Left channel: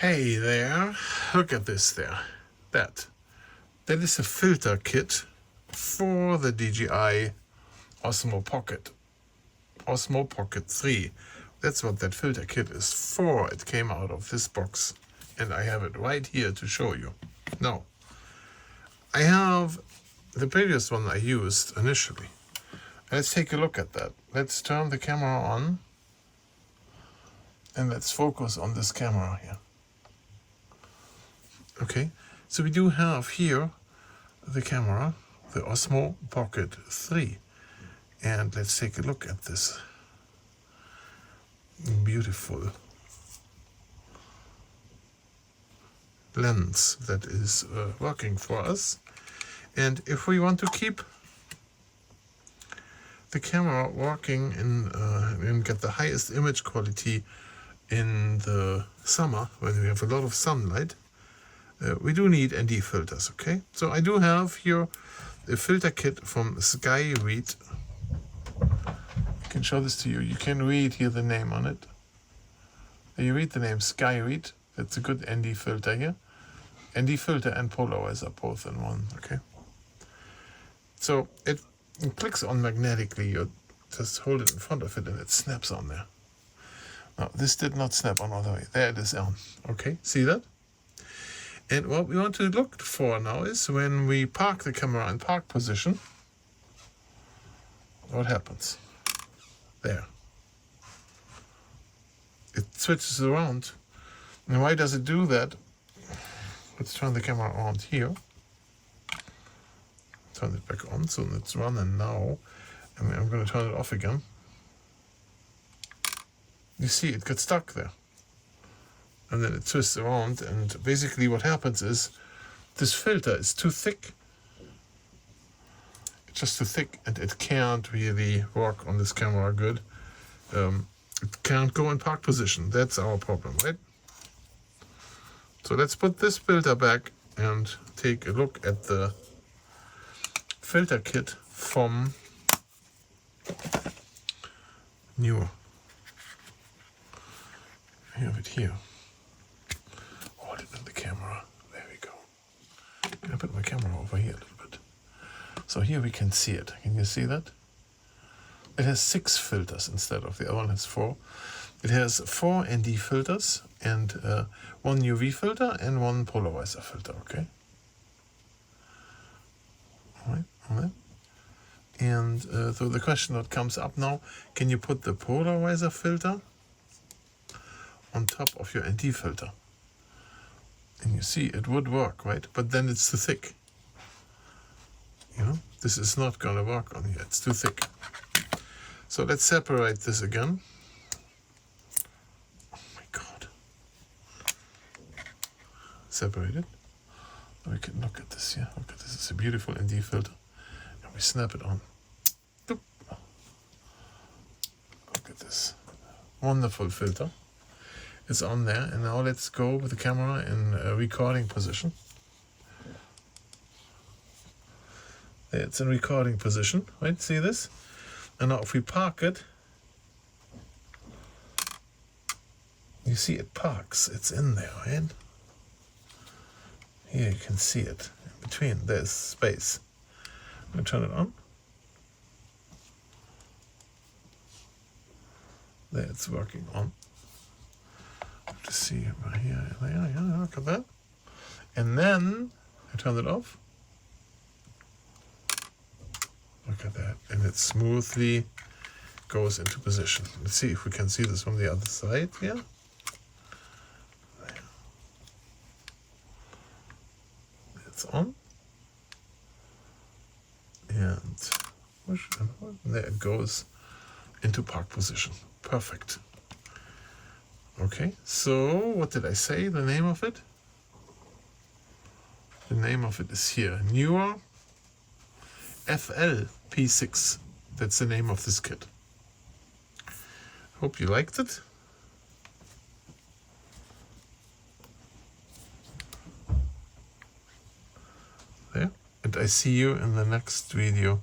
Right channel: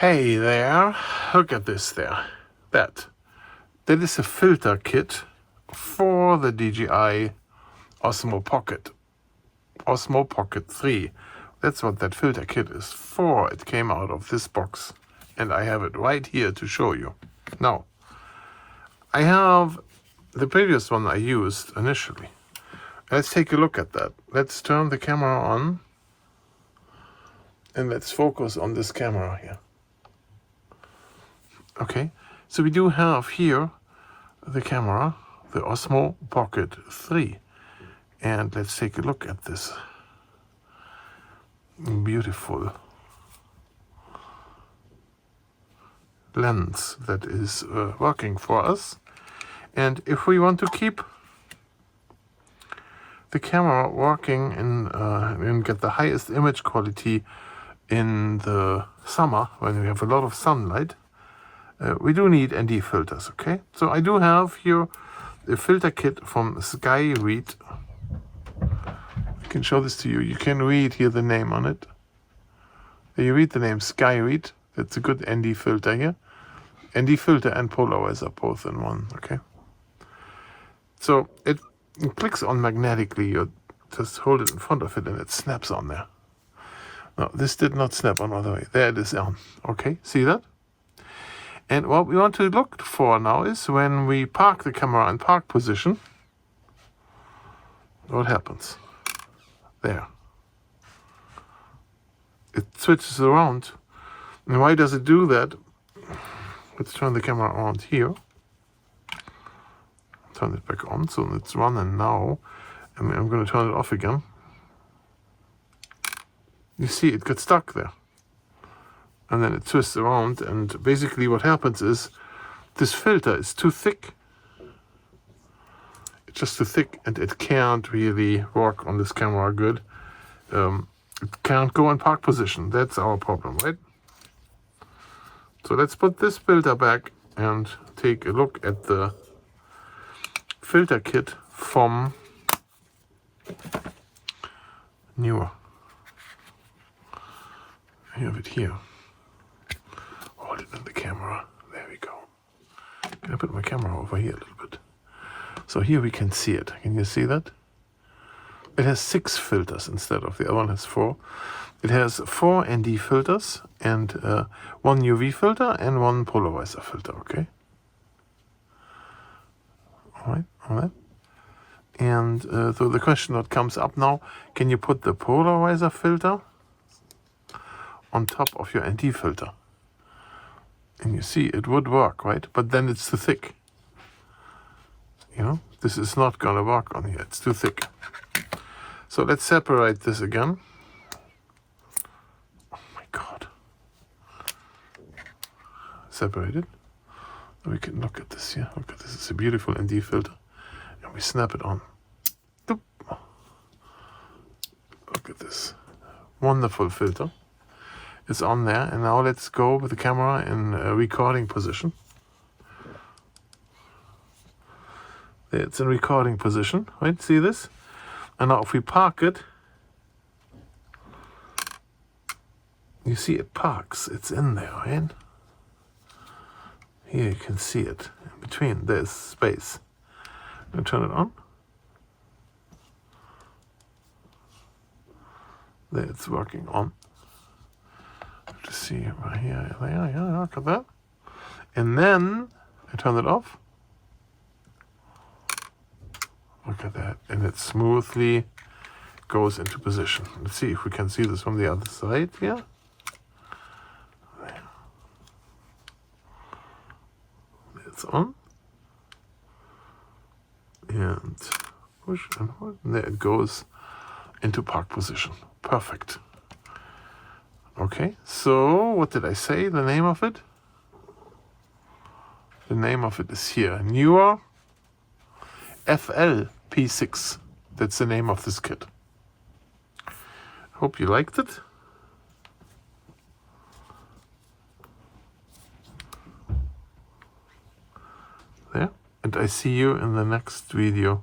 Hey there, look at this there. That is a filter kit for the DJI Osmo Pocket. Osmo Pocket 3. That's what that filter kit is for. It came out of this box and I have it right here to show you. Now, I have the previous one I used initially. Let's take a look at that. Let's turn the camera on and let's focus on this camera here. Okay, so we do have here the camera, the Osmo Pocket 3. And let's take a look at this beautiful lens that is working for us. And if we want to keep the camera working and get the highest image quality in the summer when we have a lot of sunlight, we do need ND filters, okay? So I do have here a filter kit from Skyreat. I can show this to you. You can read here the name on it. You read the name Skyreat. That's a good ND filter here. ND filter and polarizer both in one, okay? So it clicks on magnetically. You just hold it in front of it and it snaps on there. No, this did not snap on all the way. There it is on. Okay, see that? And what we want to look for now is when we park the camera in park position, what happens? There. It switches around. And why does it do that? Let's turn the camera around here. Turn it back on, so it's running now. And I'm going to turn it off again. You see, it gets stuck there. And then it twists around, and basically what happens is this filter is too thick. It's just too thick, and it can't really work on this camera good. It can't go in park position. That's our problem, right? So let's put this filter back and take a look at the filter kit from Neewer. I have it here. Hold it in the camera. There we go. I put my camera over here a little bit. So here we can see it. Can you see that? It has 6 filters instead of the other one has 4. It has 4 ND filters and 1 UV filter and 1 polarizer filter, okay? All right. And so the question that comes up now, can you put the polarizer filter on top of your ND filter? And you see, it would work, right? But then it's too thick. You know, this is not gonna work on here, it's too thick. So let's separate this again. Oh my God. Separate it. We can look at this here. Look at this, it's a beautiful ND filter. And we snap it on. Look at this. Wonderful filter. It's on there, and now let's go with the camera in a recording position. There, it's in recording position, right? See this? And now if we park it, you see it parks. It's in there, right? Here you can see it. In between, there's space. I'm gonna turn it on. There, it's working on. To see right here, yeah, look at that. And then I turn it off. Look at that, and it smoothly goes into position. Let's see if we can see this from the other side here. There. It's on. And push and hold. And there it goes into park position. Perfect. Okay, so what did I say? The name of it? The name of it is here. Neewer FLP6. That's the name of this kit. Hope you liked it. There. And I see you in the next video.